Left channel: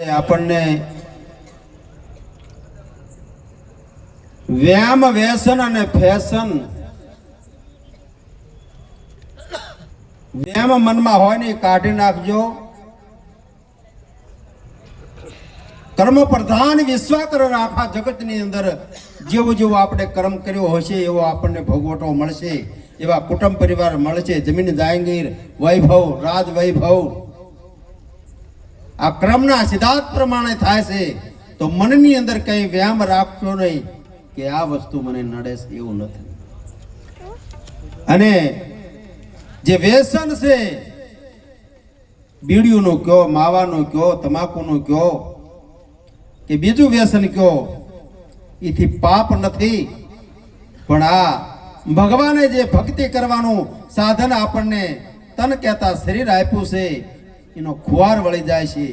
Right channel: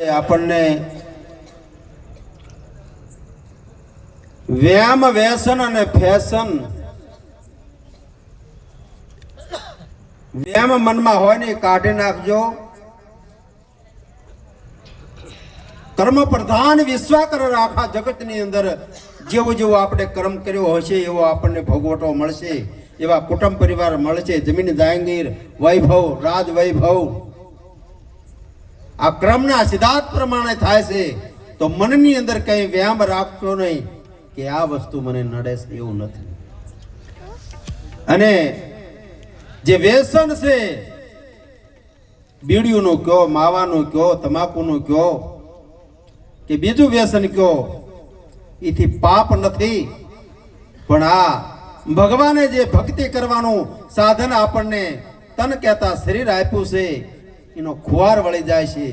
આપણને વ્યાયામ વ્યસન અને ફેશન વ્યાયામ મનમાં હોય ને કાઢી નાખજો. કર્મ પ્રધાન વિશ્વાકર આખા જગતની અંદર જેવું જેવું આપણે કર્મ કર્યો હશે એવો આપણને ભોગવટો મળશે, એવા કુટુંબ પરિવાર મળશે, જમીન જાગીર વૈભવ રાજ વૈભવ આ ક્રમના સિદ્ધાંત પ્રમાણે થાય છે. તો મનની અંદર કઈ વ્યાયામ રાખશો નહીં કે આ વસ્તુ મને નડે છે, એવું નથી. અને જે વ્યસન છે, બીડીનું કયો, માવાનું કયો, તમાકુનું કયો કે બીજું વ્યસન કયો, એથી પાપ નથી. પણ આ ભગવાને જે ભક્તિ કરવાનું સાધન આપણને તન કહેતા શરીર આપ્યું છે એનો ખુવાર વળી જાય છે.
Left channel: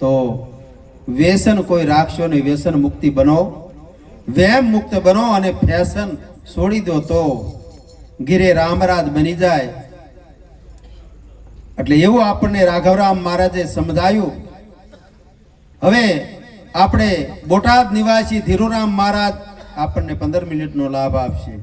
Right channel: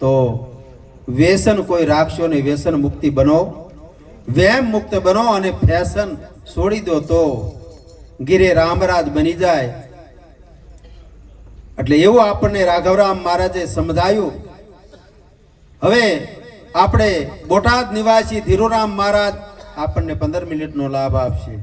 તો વ્યસન કોઈ રાખશો નહીં, વ્યસન મુક્તિ બનો, વ્યાયામ મુક્ત બનો અને ફેશન છોડી દો તો ગીરે રામરાજ બની જાય. એટલે એવું આપણને રાઘવરામ મહારાજે સમજાયું. હવે આપણે બોટાદ નિવાસી ધીરુરામ મહારાજ આપણને 15 મિનિટનો લાભ આપશે.